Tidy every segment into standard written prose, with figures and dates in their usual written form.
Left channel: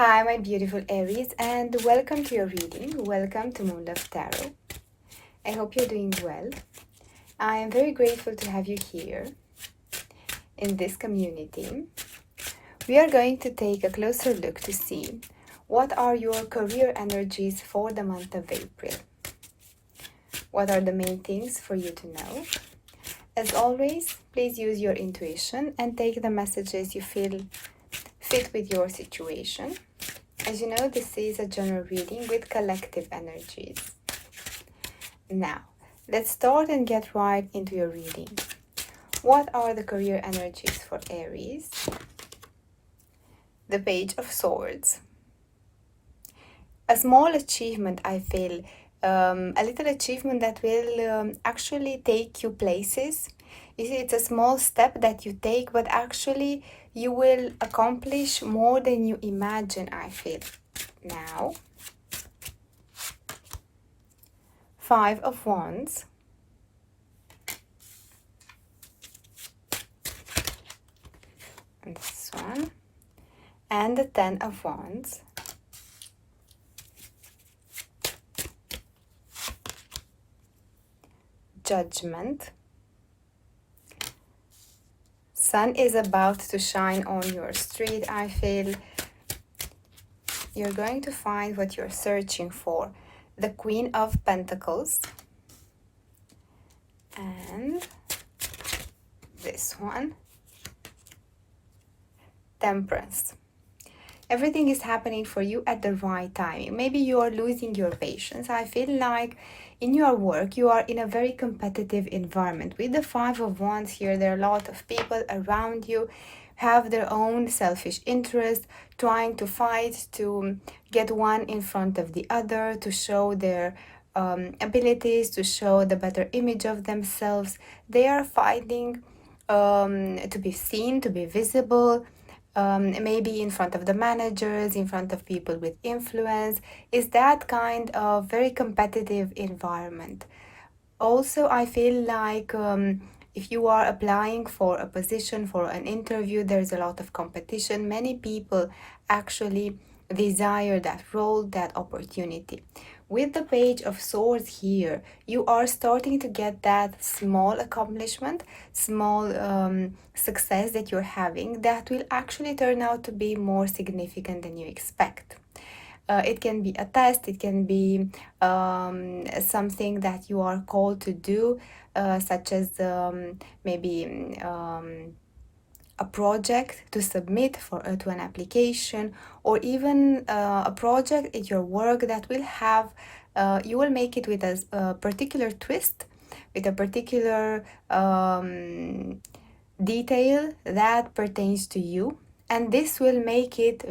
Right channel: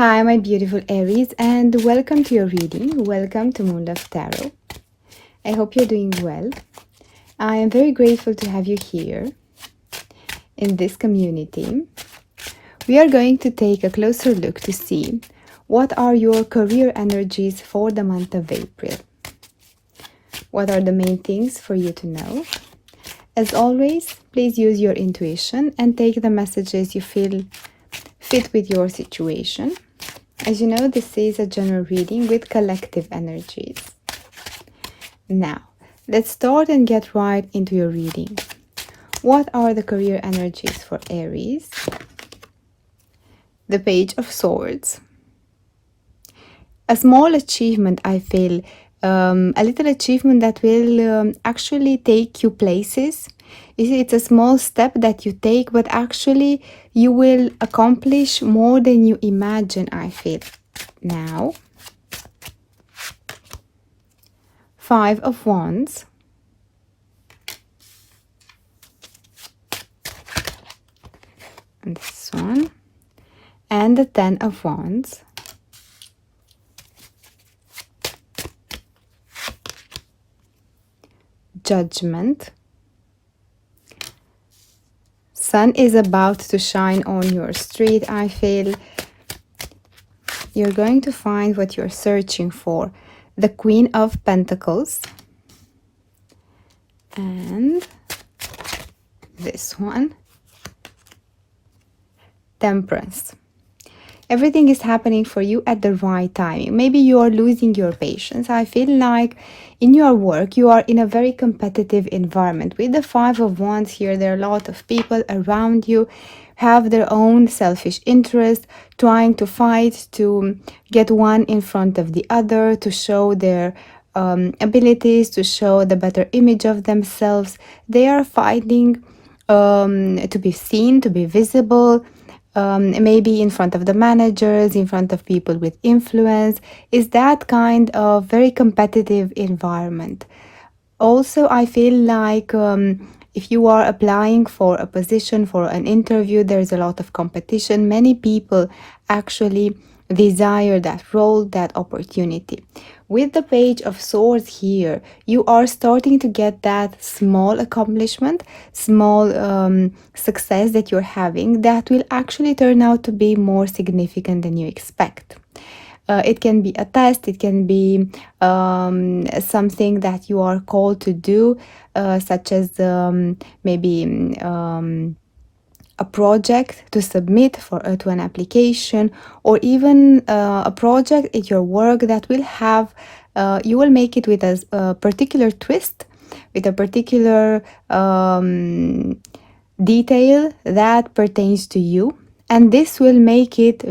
Hi, my beautiful Aries, and welcome to your reading. Welcome to Moon Love Tarot. I hope you're doing well. I am very grateful to have you here in this community. We are going to take a closer look to see what are your career energies for the month of April. What are the main things for you to know? As always, please use your intuition and take the messages you feel fit with your situation. As you know, this is a general reading with collective energies. Now, let's start and get right into your reading. What are the career energies for Aries? The Page of Swords. A small achievement, I feel, a little achievement that will actually take you places. You see, it's a small step that you take, but actually you will accomplish more than you imagine, I feel. Now, Five of Wands. And this one. And the Ten of Wands. Judgment. Sun is about to shine on your street, I feel. You're going to find what you're searching for. The Queen of Pentacles. And this one. Temperance. Everything is happening for you at the right time. Maybe you are losing your patience. I feel like in your work, you are in a very competitive environment. With the Five of Wands here, there are a lot of people around you, have their own selfish interest, trying to fight to get one in front of the other, to show their abilities, to show the better image of themselves. They are fighting to be seen, to be visible. Maybe in front of the managers, in front of people with influence, is that kind of very competitive environment. Also, I feel like if you are applying for a position, for an interview, there's a lot of competition. Many people actually desire that role, that opportunity. With the Page of Swords here, you are starting to get that small accomplishment, small success that you're having that will actually turn out to be more significant than you expect. It can be a test, it can be something that you are called to do, such as maybe a project to submit to an application, or even a project at your work that will have, you will make it with a particular twist, with a particular detail that pertains to you. And this will make it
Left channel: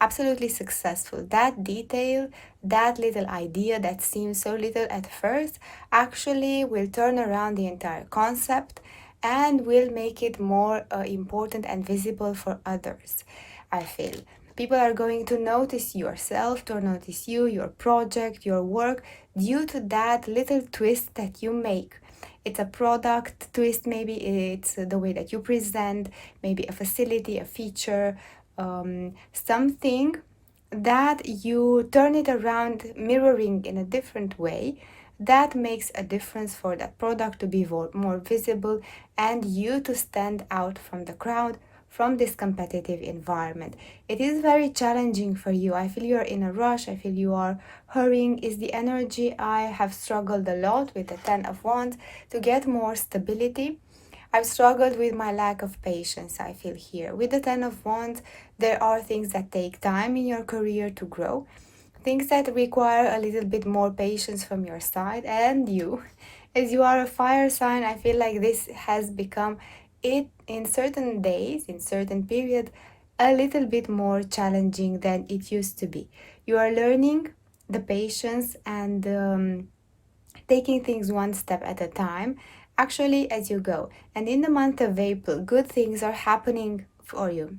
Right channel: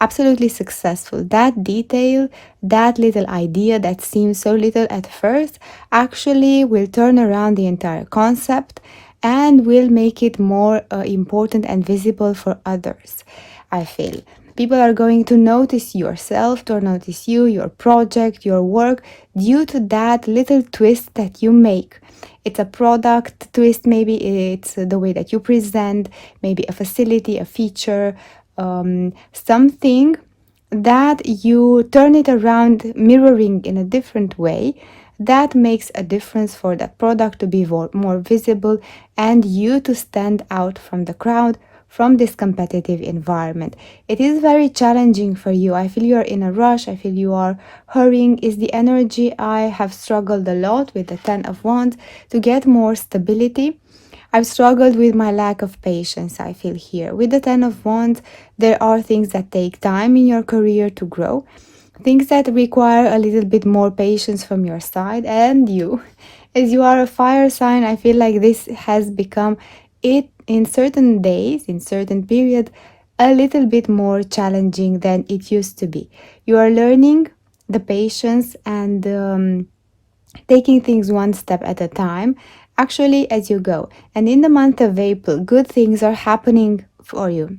absolutely successful. That detail, that little idea that seems so little at first, actually will turn around the entire concept and will make it more important and visible for others, I feel. People are going to notice yourself, to notice you, your project, your work, due to that little twist that you make. It's a product twist, maybe it's the way that you present, maybe a facility, a feature, something that you turn it around, mirroring in a different way, that makes a difference for that product to be more visible and you to stand out from the crowd, from this competitive environment. It is very challenging for you. I feel you are in a rush. I feel you are hurrying. Is the energy. I have struggled a lot with the Ten of Wands to get more stability. I've struggled with my lack of patience, I feel here. With the Ten of Wands, there are things that take time in your career to grow. Things that require a little bit more patience from your side. And you, as you are a fire sign, I feel like this has become it in certain days, in certain period, a little bit more challenging than it used to be. You are learning the patience and taking things one step at a time, actually as you go. And in the month of April, good things are happening for you.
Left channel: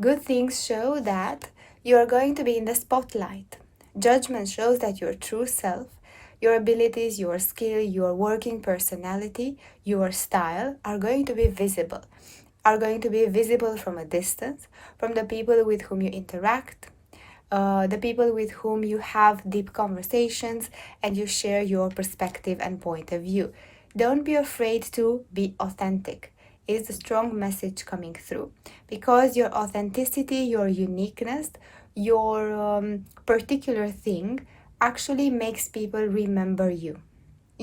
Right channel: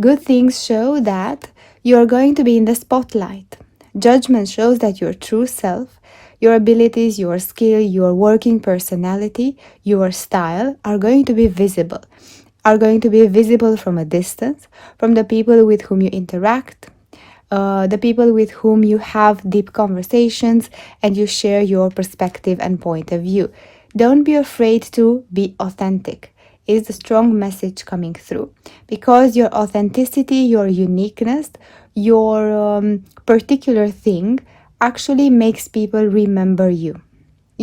Good things show that you are going to be in the spotlight. Judgment shows that your true self, your abilities, your skill, your working personality, your style are going to be visible, are going to be visible from a distance, from the people with whom you interact, the people with whom you have deep conversations and you share your perspective and point of view. Don't be afraid to be authentic, is a strong message coming through, because your authenticity, your uniqueness, your particular thing actually makes people remember you.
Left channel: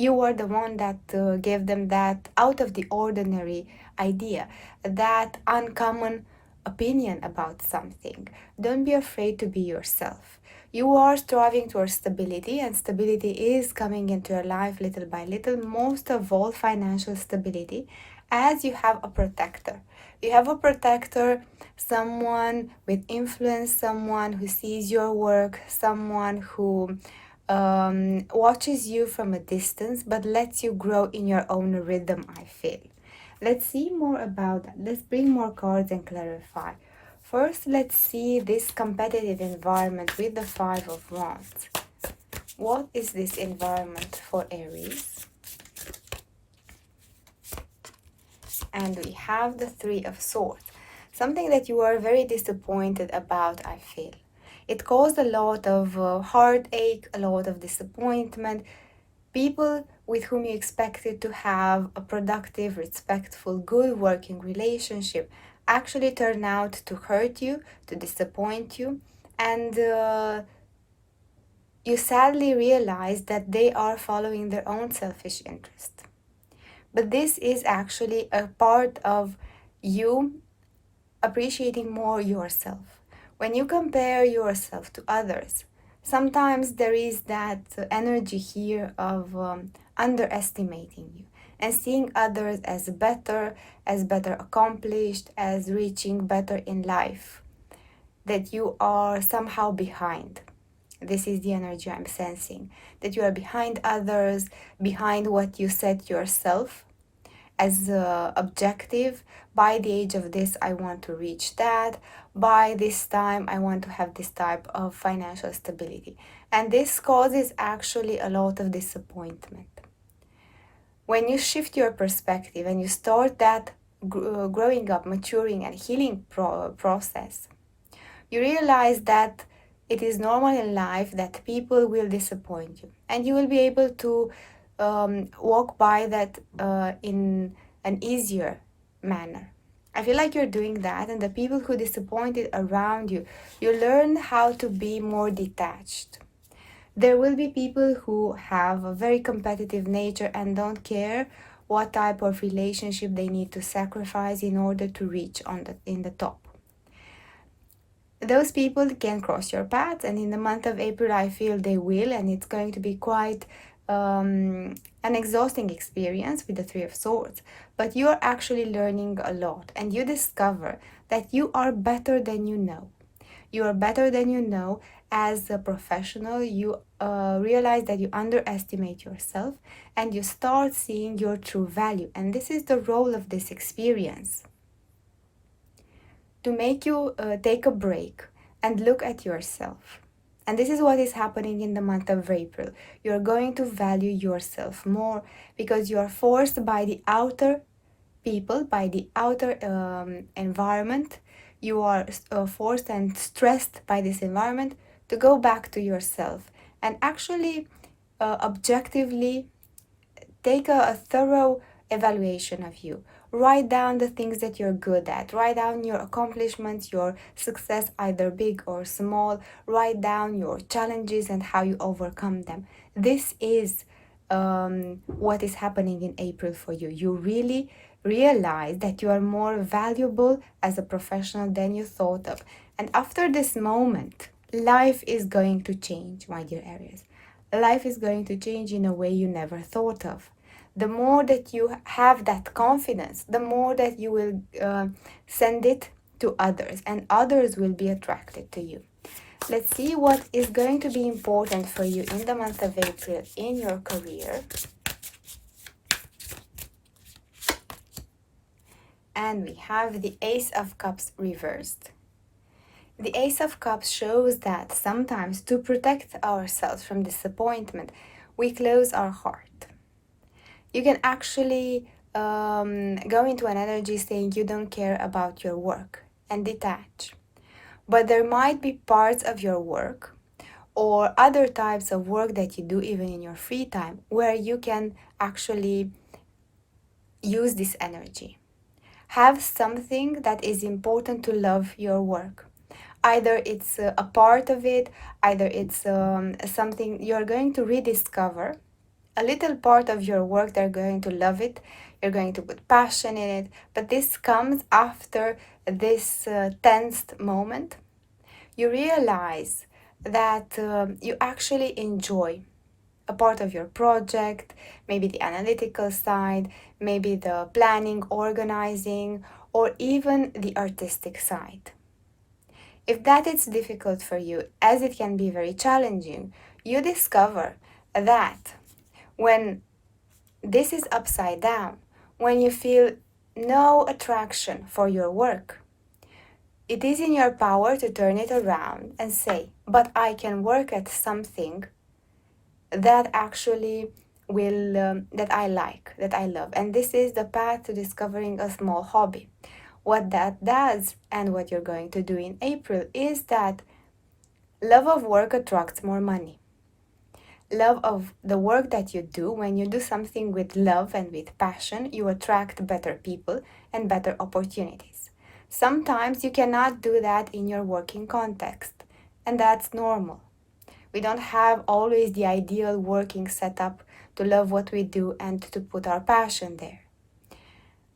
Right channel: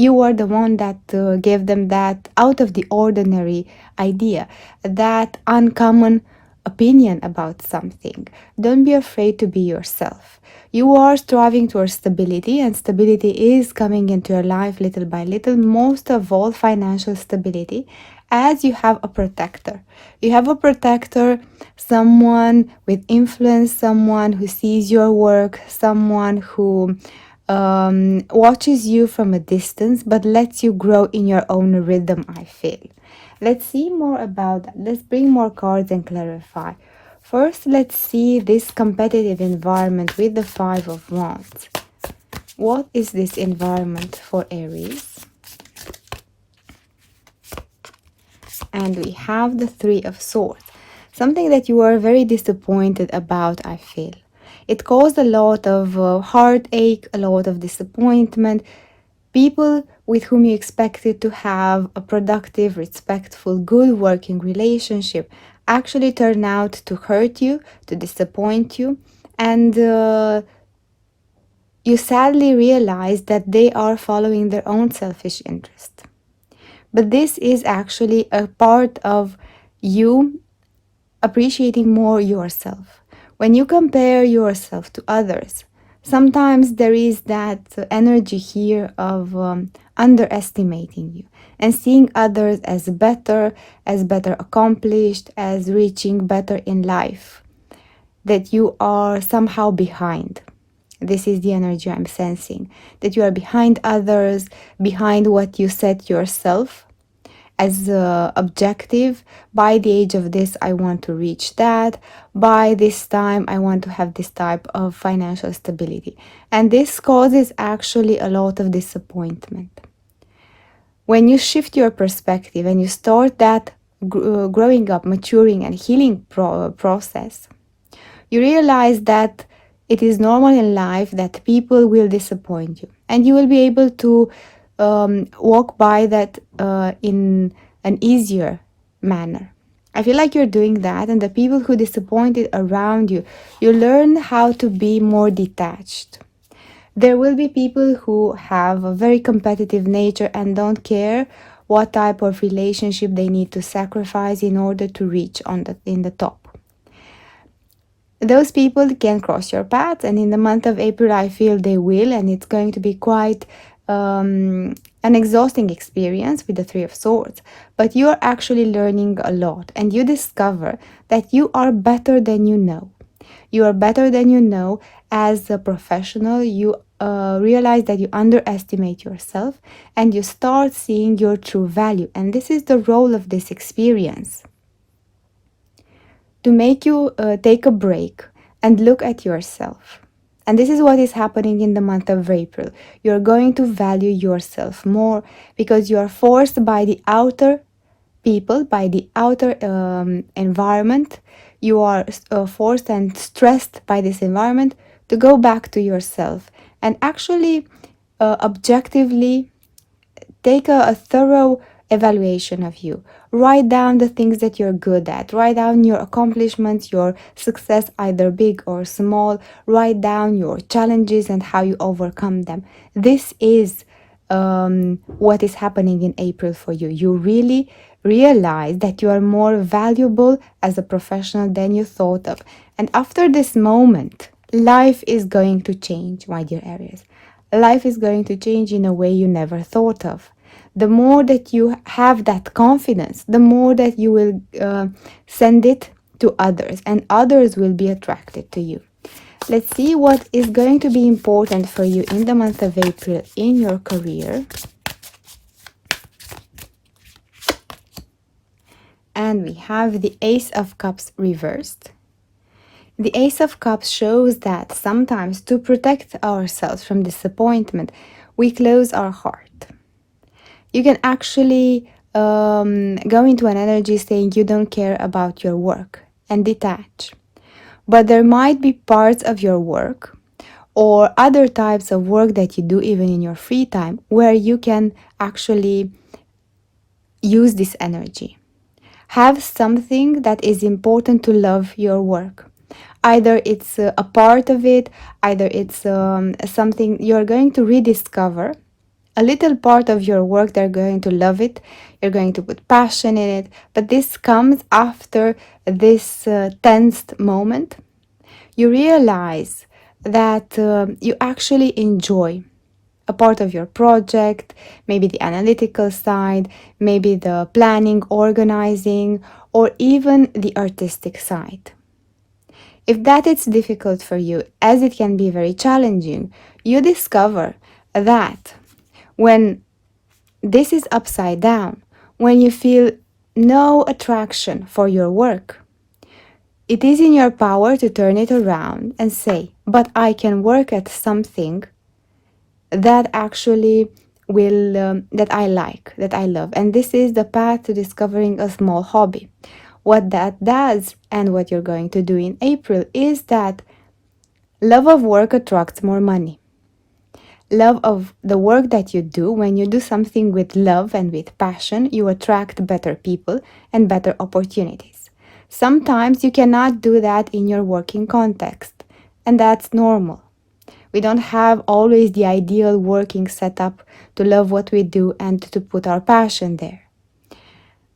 You are the one that gave them that out of the ordinary idea, that uncommon opinion about something. Don't be afraid to be yourself. You are striving towards stability, and stability is coming into your life little by little, most of all, financial stability, as you have a protector. You have a protector, someone with influence, someone who sees your work, someone who watches you from a distance but lets you grow in your own rhythm, I feel. Let's see more about that. Let's bring more cards and clarify. First, let's see this competitive environment with the Five of Wands. What is this environment for Aries? And we have the Three of Swords. Something that you are very disappointed about, I feel. It caused a lot of heartache, a lot of disappointment. People with whom you expected to have a productive, respectful, good working relationship actually turn out to hurt you, to disappoint you, and you sadly realize that they are following their own selfish interest. But this is actually a part of you appreciating more yourself. When you compare yourself to others, sometimes there is that energy here of underestimating you and seeing others as better accomplished, as reaching better in life, that you are somehow behind. This is the energy I'm sensing, that you are behind others, behind what you set yourself as objective. By the age of this, I want to reach that. By this time, I want to have this type of financial stability. And this causes actually a lot of disappointment. When you shift your perspective and you start that growing up, maturing, and healing process, you realize that it is normal in life that people will disappoint you, and you will be able to walk by that in an easier manner. I feel like you're doing that, and the people who disappointed around you, you learn how to be more detached. There will be people who have a very competitive nature and don't care what type of relationship they need to sacrifice in order to reach in the top. Those people can cross your path, and in the month of April I feel they will, and it's going to be quite an exhausting experience with the Three of Swords. But you are actually learning a lot, and you discover that you are better than you know. You are better than you know. As a professional, you realize that you underestimate yourself, and you start seeing your true value. And this is the role of this experience, to make you take a break and look at yourself. And this is what is happening in the month of April. You're going to value yourself more because you are forced by the outer people, by the outer environment. You are forced and stressed by this environment to go back to yourself and actually objectively take a thorough evaluation of you. Write down the things that you're good at. Write down your accomplishments, your success, either big or small. Write down your challenges and how you overcome them. This is what is happening in April for you. You really realize that you are more valuable as a professional than you thought of. And after this moment, life is going to change, my dear Aries. Life is going to change in a way you never thought of. The more that you have that confidence, the more that you will send it to others, and others will be attracted to you. Let's see what is going to be important for you in the month of April in your career. And we have the Ace of Cups reversed. The Ace of Cups shows that sometimes to protect ourselves from disappointment, we close our heart. You can actually go into an energy saying you don't care about your work and detach. But there might be parts of your work or other types of work that you do even in your free time where you can actually use this energy. Have something that is important to love your work. Either it's a part of it, either it's something you're going to rediscover. A little part of your work, they're going to love it. You're going to put passion in it. But this comes after this tensed moment. You realize that you actually enjoy a part of your project, maybe the analytical side, maybe the planning, organizing, or even the artistic side. If that is difficult for you, as it can be very challenging, you discover that when this is upside down, when you feel no attraction for your work, it is in your power to turn it around and say, but I can work at something that actually that I like, that I love. And this is the path to discovering a small hobby. What that does and what you're going to do in April is that love of work attracts more money. Love of the work that you do, when you do something with love and with passion, you attract better people and better opportunities. Sometimes you cannot do that in your working context, and that's normal. We don't have always the ideal working setup to love what we do and to put our passion there.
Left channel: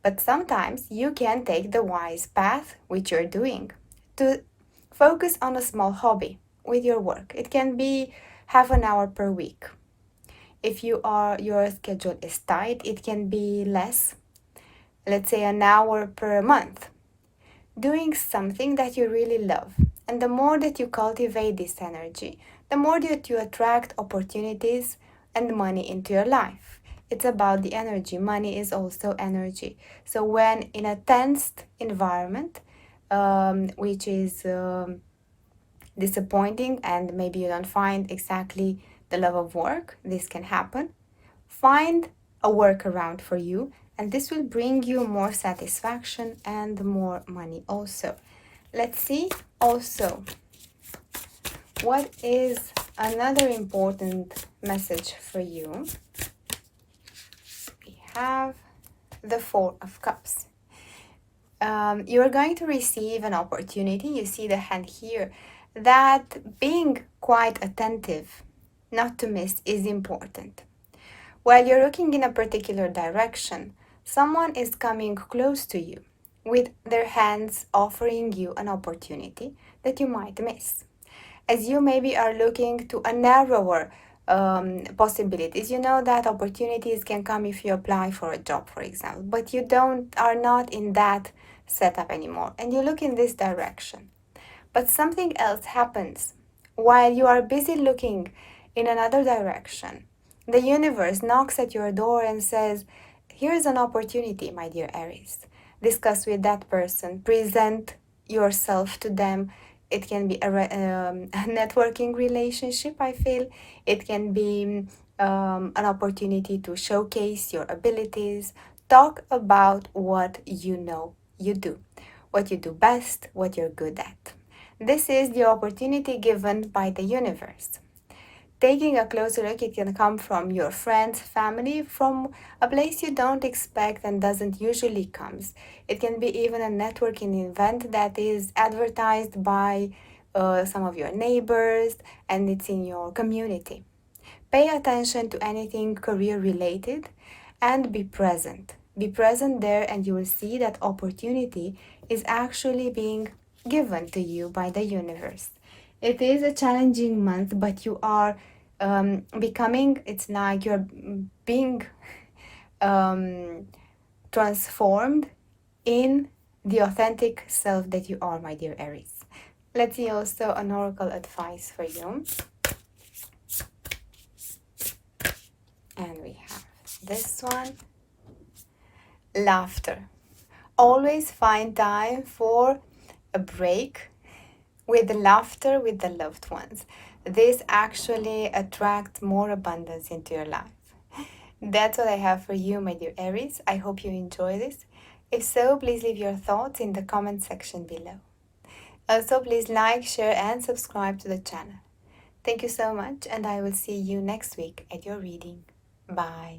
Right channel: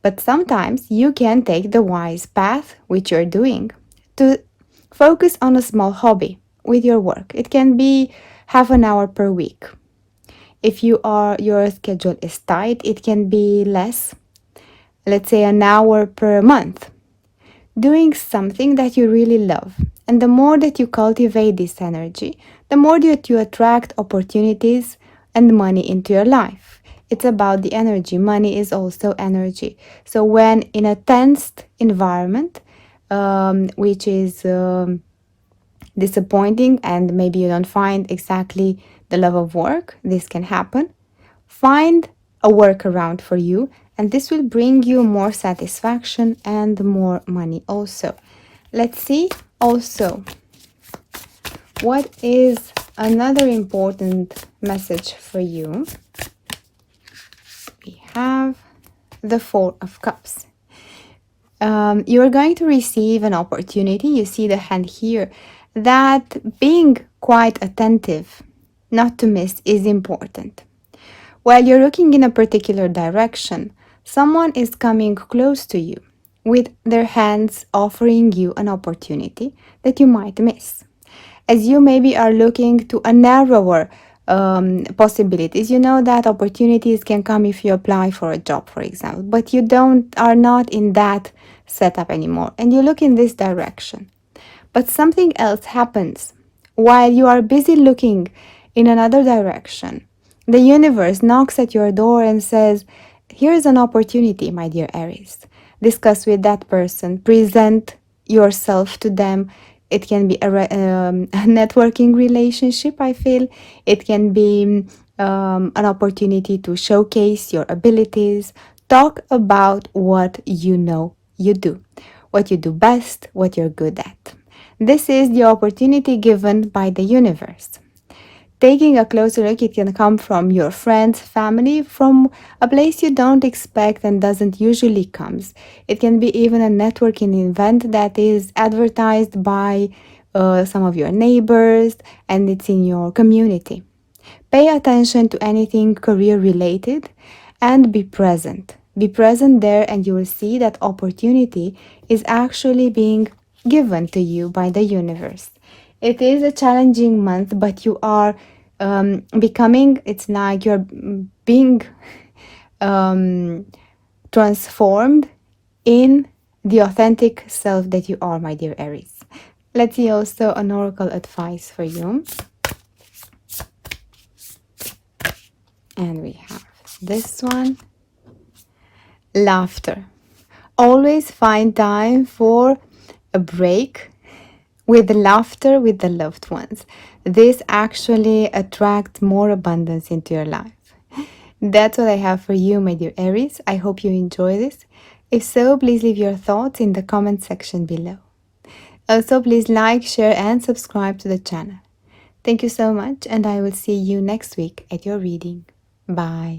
But sometimes you can take the wise path, which you're doing, to focus on a small hobby with your work. It can be half an hour per week. If your schedule is tight, it can be less, let's say an hour per month. Doing something that you really love. And the more that you cultivate this energy, the more that you attract opportunities and money into your life. It's about the energy. Money is also energy. So when in a tensed environment, which is disappointing and maybe you don't find exactly the love of work, this can happen. Find a workaround for you, and this will bring you more satisfaction and more money also. Let's see also what is another important message for you. We have the Four of Cups. You are going to receive an opportunity. You see the hand here, that being quite attentive, not to miss, is important. While you're looking in a particular direction, someone is coming close to you with their hands offering you an opportunity that you might miss. As you maybe are looking to a narrower possibilities, you know that opportunities can come if you apply for a job, for example, but you are not in that setup anymore, and you look in this direction. But something else happens while you are busy looking in another direction. The universe knocks at your door and says, here's an opportunity, my dear Aries. Discuss with that person, present yourself to them. It can be a networking relationship, I feel. It can be an opportunity to showcase your abilities. Talk about what you know you do, what you do best, what you're good at. This is the opportunity given by the universe. Taking a closer look, it can come from your friends, family, from a place you don't expect and doesn't usually comes. It can be even a networking event that is advertised by some of your neighbors, and it's in your community. Pay attention to anything career related and be present. Be present there, and you will see that opportunity is actually being given to you by the universe. It is a challenging month, but you are becoming, it's like you're being transformed in the authentic self that you are, my dear Aries. Let's see also an oracle advice for you. And we have this one. Laughter. Always find time for a break with laughter with the loved ones. This actually attracts more abundance into your life. That's what I have for you, my dear Aries. I hope you enjoy this. If so, please leave your thoughts in the comment section below. Also, please like, share, and subscribe to the channel. Thank you so much, and I will see you next week at your reading. Bye.